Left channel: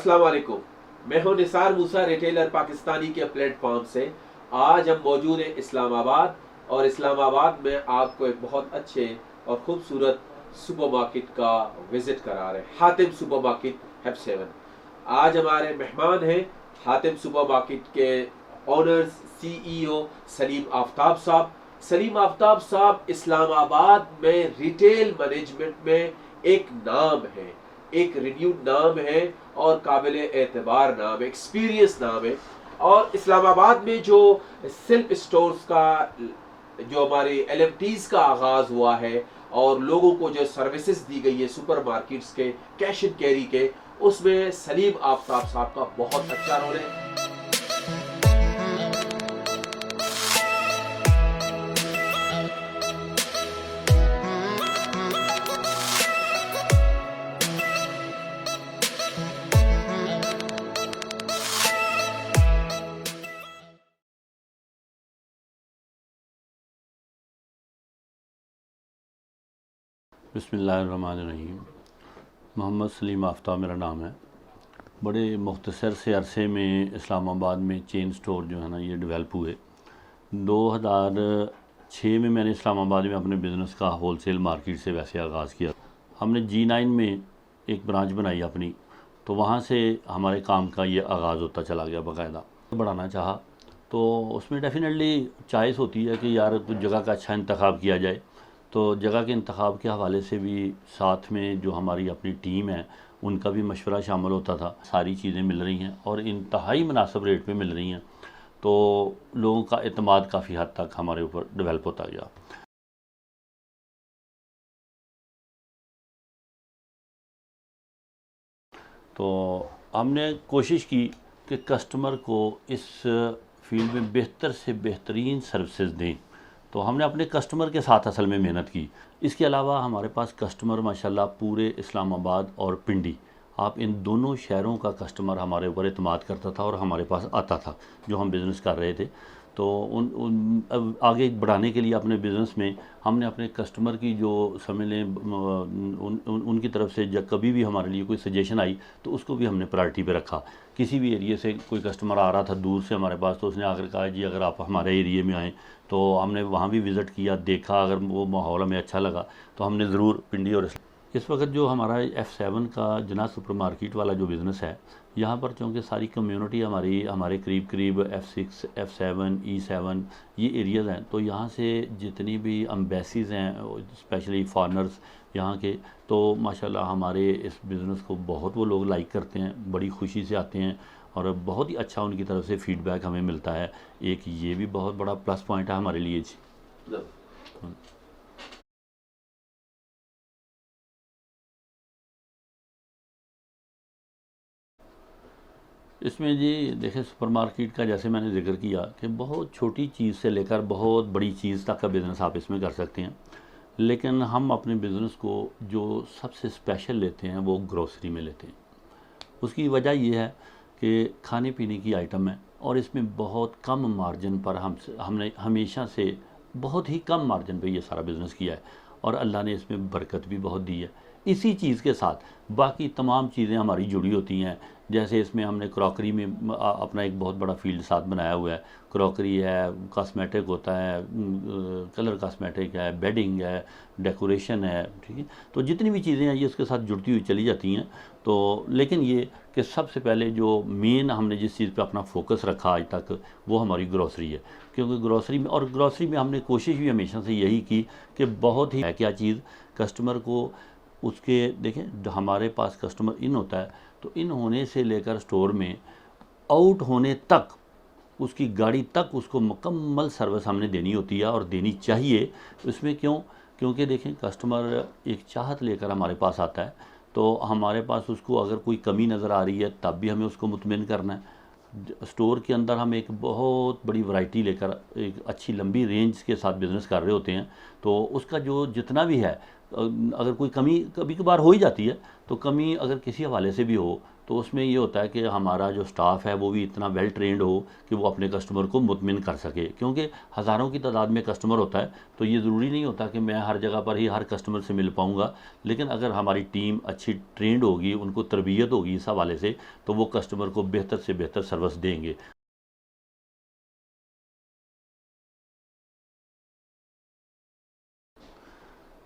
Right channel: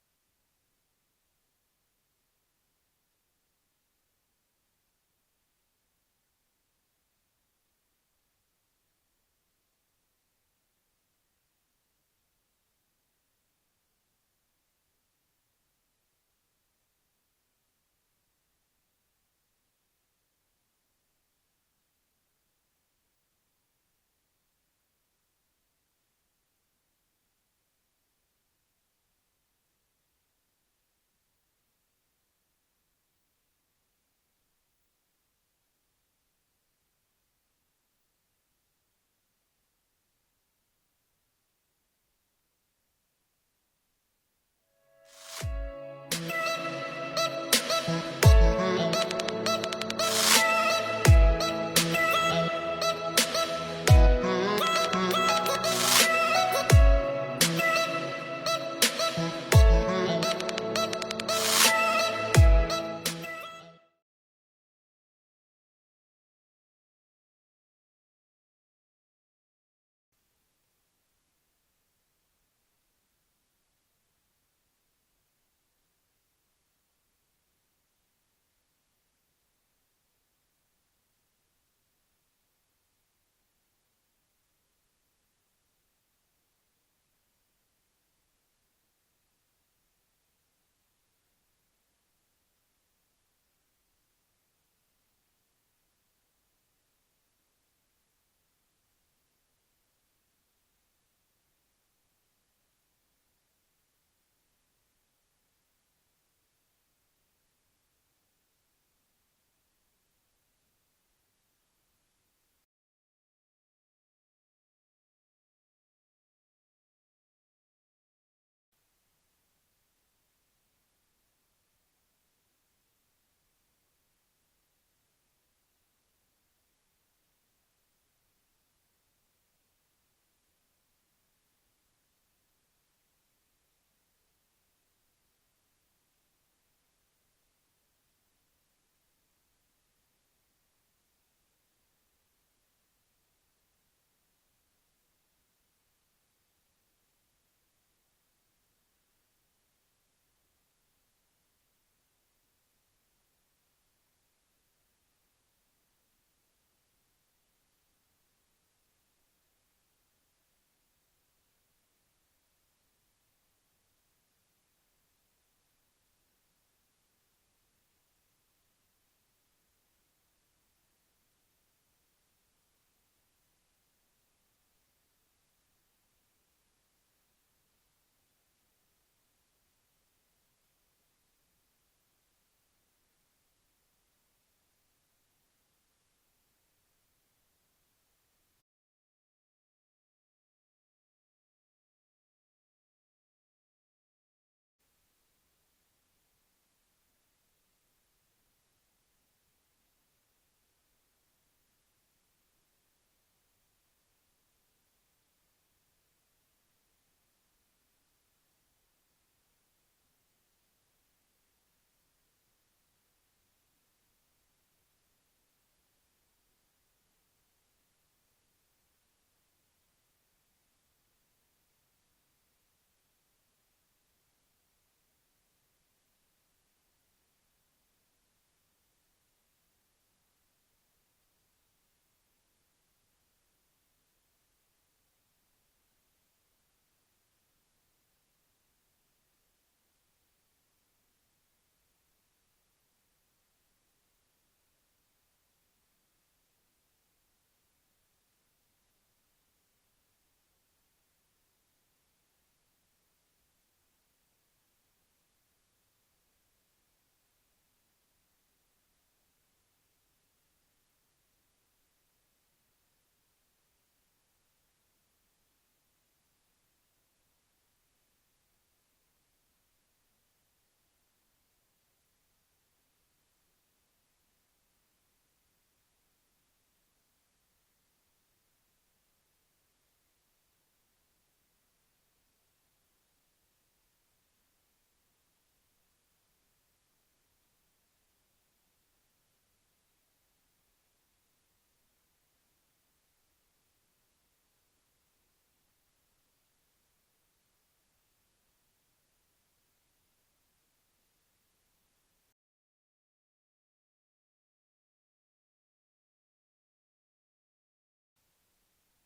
अस्सलाम वालेकुम। मैं हूं निसार मूसा, रिटेलर पाकिस्तानी के प्लेटफॉर्म से। आज हम मौजूद हैं इस्लामाबाद, और इस्लामाबाद में आपको एक बहुत अच्छे और ख़ूबसूरत सुपरमार्केट का विज़िट करा रहे हैं, हातिम सुपरमार्केट F7। आज हमारे मेहमान हैं हातिम सुपरमार्केट के ऑनर्स CEO सलीम आफ्ताब साहब। सलीम आफ्ताब साहब इस्लामाबाद में रिटेल मैनेजमेंट में एक नाम है, एक रिन्यूड नाम है और काबिल एतबार नाम है, एक्सपीरियंस नाम है। और इस्लामाबाद में जो सिल्क स्टोर्स का, जो हमारे LMTs का आगाज़ हुआ है और लोगों को जो सर्विसेज दी गई है सुपर मार्केट्स के कैश एंड कैरी के, उसमें सलीम आफ्ताब साहब का बहुत अच्छा रोल है। बिस्मिल्लाहिर्रहमानिर्रहीम। मोहम्मद सलीम आफ्ताब मेरा नाम है। बड़े मुख्तसर से अरसे में इस्लामाबाद में चेन स्टोर जो है ना ये डेवलप हुए। 2006 में मैंने इस्लामाबाद में अपने बिज़नेस का होलसेल मार्केट से वैसे आगाज़ किया। हमने G9 में एक ब्रांच बनाई अपनी, तो वहाँ से हमारे काम का ये आगाज़ होता चला गया। बाकायदा बढ़ाना चाहा तो उसमें डेफिनेटली चॉइस होती है कि यार कुछ जगह का अच्छा इंतखाब किया जाए। तो जगह के इंतखाब के हवाले से भी साथ में जो हमारी अपनी टीम है उनका भी मशवरा शामिल होता था। सारी चीज़ें मिल रही हैं और इंतहाई मुनासिब रेट पे मिल रही हैं, तो लोगों का एतमाद काफ़ी हद तक हमारे ऊपर डेवलप होता गया। तो हमने कोशिश की कि कस्टमर को इस फील्ड में बेहतर से बेहतरीन सर्विसेज दें। तो हमने अपने कस्टमर के साथ असल में मेहनत की। इसके अलावा हमारे पास कस्टमर माशाल्लाह पूरे इस्लामाबाद और पिंडी, आप इन दोनों शहरों का कस्टमर हमारे ऊपर एतमाद करता था और हमारे पास आता था जो हम बिज़नेस कर रहे थे। तो अब आगे बढ़ाने के लिए अपने बिज़नेस में हमने अपने कस्टमर की जो समझ लें उनकी तरफ से जब कभी भी हमारे लिए कोई सजेशन आई तो उसको भी हमने प्रायोरिटी पे रखा। किसी भी एरिया से कोई कस्टमर आ रहा था दूर से हमारे पास, तो उसने आकर कहा जी अगर आप हमारे एरिए में आएँ, तो हमने वहाँ भी विज़िट किया, देखा, अगर वो माहौल हमें अच्छा लगा तो हमने ज़रूर पिंडी। और इस वक्त जो हमारा F7 का जना सुपर मार्केट वाला जो बिज़नेस है, यहाँ पर चूँकि सारी कम्युनिटी हमारे करीब करीब F6 F7 E7 ये एरियाज़ हैं, तो यहाँ से जितनी भी अम्बेसीज़ हैं स्पेशली फॉरनर्स यहाँ के, तो माशाल्लाह हमारे इस बिज़नेस को बहुत वो लोग लाइक करते हैं, बड़ी खुशी से आते हैं और बहुत ही अच्छा उनकी तरफ से फ़ीडबैक हमें मिलता है। एक ये भी बहुत बड़ा प्लस पॉइंट है हमारे लिए जी। इसमें जी देखिए, सुपरमार्केट का जैसे मैंने ज़िक्र किया कि बहुत छोटी चीज़ से लेकर बहुत बड़ी चीज़ तक का बिज़नेस आप इसमें कर सकते हैं। लेकिन हम अपने बिज़नेस को जो सबसे स्पेशल लेते हैं वो ग्रोसरी में लेते हैं। उसकी वजह ये है कि खाने पीने की आइटम है और इसमें बहुत कम मार्जिन पर हमने हमेशा से बहुत ही कम मार्जिन पे ये सारा बिज़नेस किया है और अल्लाह ने इसमें बरकत भी बहुत दी है। इसी चीज़ के साथ बाकी तमाम चीज़ें हमारी जुड़ी होती हैं। जैसे इसमें हमने क्रॉकरी में अपना एक बहुत बड़ा फील्ड साथ बनाया हुआ है। क्रॉकरी है, कॉस्मेटिक होता है, कलर कॉस्मेटिक है, बेडिंग है, डेकोरेशन है, ठीक है। तो जितनी भी चीज़ें हैं ये उसके साथ जुड़ती हुई चली जाती हैं। तो लेकिन ये कि सबसे पहले जो मेन हमने जिस चीज़ पे अपना फोकस रखा आज तक वो हमारी ग्रॉसरी है। क्योंकि ग्रॉसरी में हमने कोशिश भी हमेशा से यही की कि बहुत ही है क्या चीज़ कस्टमर को उसके देखें, जो हमारे पास कस्टमर इन होता है तो इन होने से लेकर स्टोर में आउट होने तक उसकी गाड़ी तक उसको मुकम्मल सर्विस हमने देनी होती है और देनी चाहिए। इसमें क्यों? क्योंकि देखें, कस्टमर एक चाहत लेकर हमारे पास आता है, तो हमारे पास उसको अगर कोई कमी नज़र आ रही है तब भी हमें उसको मुतमिन करना है। स्टोर के अंदर हम एक बहुत बड़ी वैरायटी लेकर एक अच्छी लंबी रेंज के साथ बिज़नेस कर रहे होते हैं, तो उसका जो जितना भी है अगर कोई कमी कभी कभार हो ही जाती है, तो कमी अगर किसी हवाले से भी हो तो उसमें ये होता है कि हमारा जो स्टाफ है वो भी इतना वेल ट्रेंड हो कि वो अपने कस्टमर को मुतमिन कर सके, क्योंकि हज़ारों की तादाद में कस्टमर होता है, तो ये ज़रूरी नहीं होता कि मैं हर जगह पर ही हर कस्टमर से मिल पाऊँगा। लेकिन अगर हमारी टीम अच्छी ट्रेंड होगी, उनको तरबियत होगी इस हवाले से, तो वो कस्टमर को बेहतर से बेहतर सर्विस देंगे।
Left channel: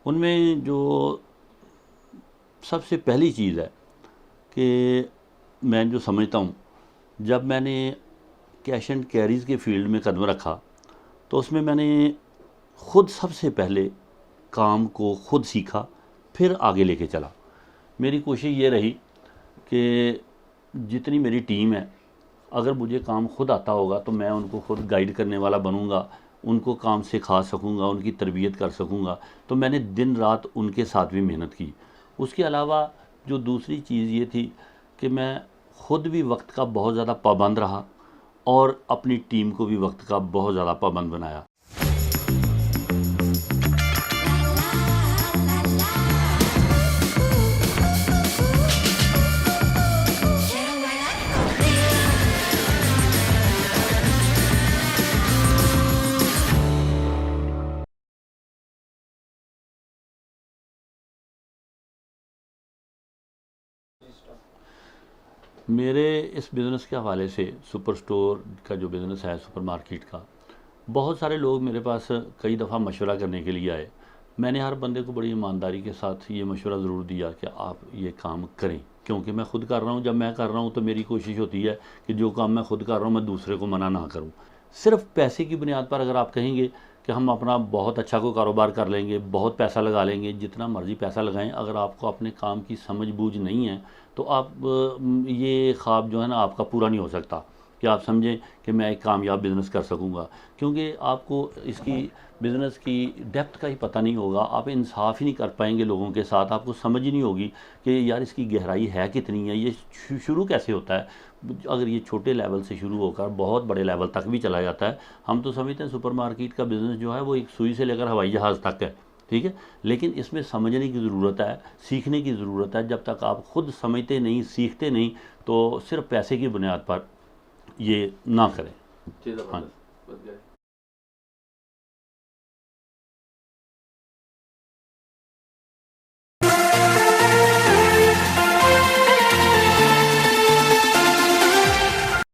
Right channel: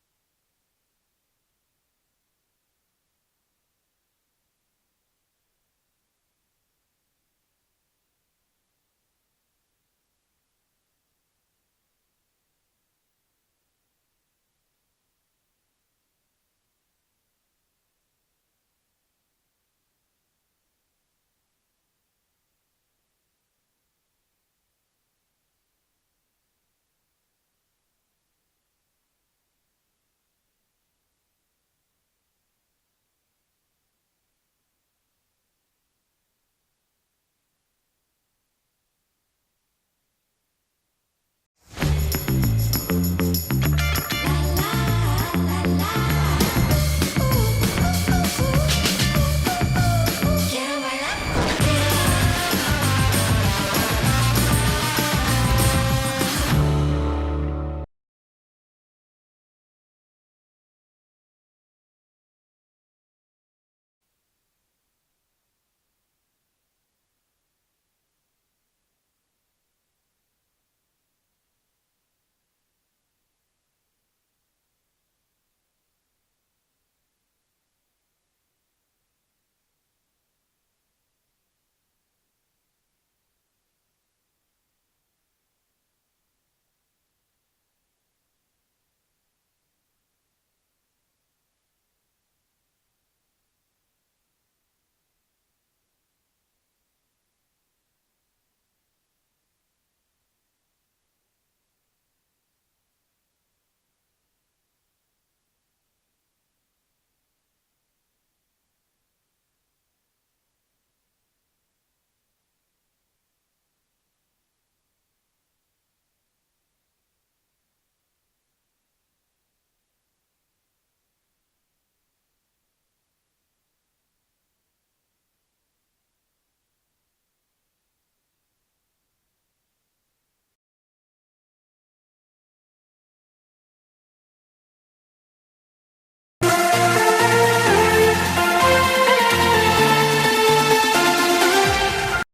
उनमें जो सबसे पहली चीज़ है कि मैं जो समझता हूँ, जब मैंने कैश एंड कैरीज़ के फील्ड में कदम रखा, तो उसमें मैंने खुद सबसे पहले काम को खुद सीखा, फिर आगे लेके चला। मेरी कोशिश ये रही कि जितनी मेरी टीम है, अगर मुझे काम खुद आता होगा तो मैं उनको खुद गाइड करने वाला बनूंगा, उनको काम सिखा सकूंगा, उनकी तरबियत कर सकूंगा। तो मैंने दिन रात उनके साथ भी मेहनत की। उसके अलावा जो दूसरी चीज़ ये थी कि मैं खुद भी वक्त का बहुत ज़्यादा पाबंद रहा और अपनी टीम को भी वक्त का बहुत ज़्यादा पाबंद बनाया। मेरे इस बिज़नेस के हवाले से, सुपर स्टोर का जो बिज़नेस है, सुपर मार्केट का, बहुत सारे लोग मेरे पास कई दफ़ा मशवरा करने के लिए आए। मैंने हर बंदे को बड़ी ईमानदारी के साथ ये मशवरा ज़रूर दिया कि आप ये काम करें, क्योंकि मैं ख़ुद कर रहा हूँ। जब मैं कर रहा हूँ तो मेरी कोशिश होती है कि जो काम मैं ख़ुद कर रहा हूँ मैं दूसरे को मना ना करूँ। सिर्फ पैसे की बुनियाद पर अगर आप कहेंगे कि हम अपना बहुत अच्छा कोई कारोबार कर लेंगे, बहुत पैसा लगा लेंगे, जितना मर्ज़ी पैसा लगाएं, अगर आपको अपने काम की समझ बूझ नहीं है तो आप ये ख्वाब जो है ना आपका पूरा नहीं हो सकता कि आप समझें कि मैं एक कामयाब बिज़नेस कर सकूंगा, क्योंकि आपको इसकी बिज़नेस की डेप्थ का ही पता नहीं होगा। आप इंसाफ ही नहीं कर पाएंगे लोगों के साथ, आपको समझ ही नहीं होगी कि यार इसकी गहराई है कितनी है, ये शुरू कैसे होता है। अगर ये छोटे लेवल से शुरू होकर बहुत बड़े लेवल तक भी चला जाता है। हम तो समझते हैं सुपरमार्केट का बिज़नेस जो है वो एक सुई से लेकर हवाई जहाज़ तक है, ठीक है, लेकिन इसमें समझने की ज़रूरत है, सीखने की ज़रूरत है। जब तक आप खुद समझते नहीं, सीखते नहीं, तो सिर्फ पैसे की बुनियाद पर ये ना करें। जी, हाँ।